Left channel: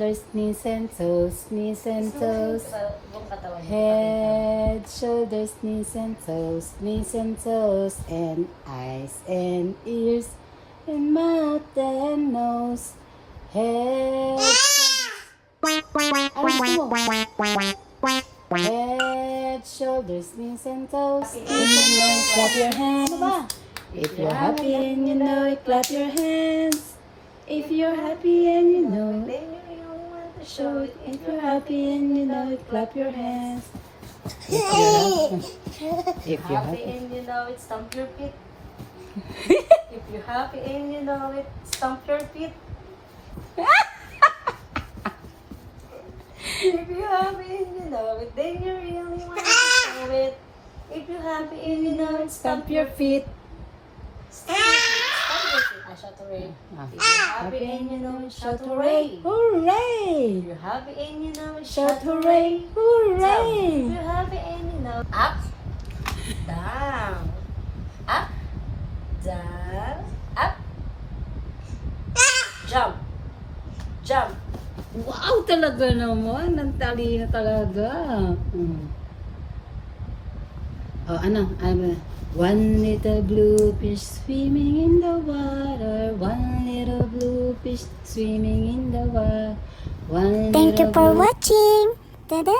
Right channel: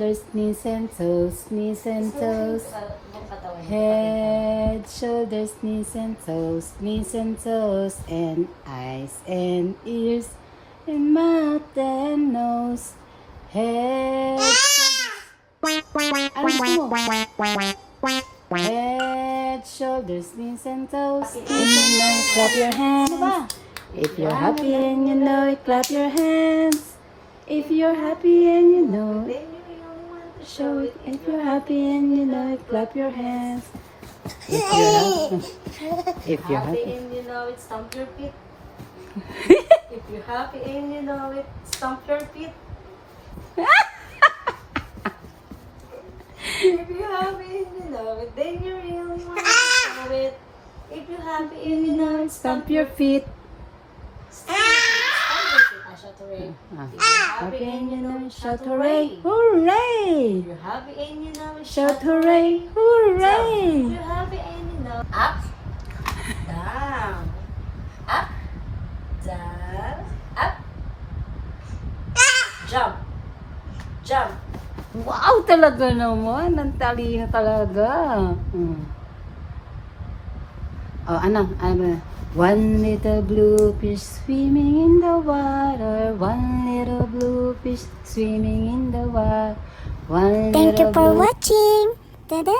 shoulders, knees and toes, knees and toes. Head, shoulders, knees and toes, and eyes and ears, and mouth and nose. Head, head, shoulders, knees and toes, clap your hands. If you're happy and you know it, clap your hands. If you're happy and you know it, show it. If you're happy and you know it, clap your hands. If you're happy and you know it, stomp your feet. If you're happy and you know it, stomp your feet. If you're happy and you know it, then you really want to show it. If you're happy and you know it, stomp your feet. Shout hooray. If you're happy and you know it, shout hooray. Hooray! If you're happy and you know it, Shout hooray! Hooray! If you're happy and you know up, down, up, down, up, jump, jump. Wow, talaga naman. Ang talino talaga. Oh, ano? One little blue fish swimming in the water. One little blue fish swimming in the water. Thank you for watching. Ta-da!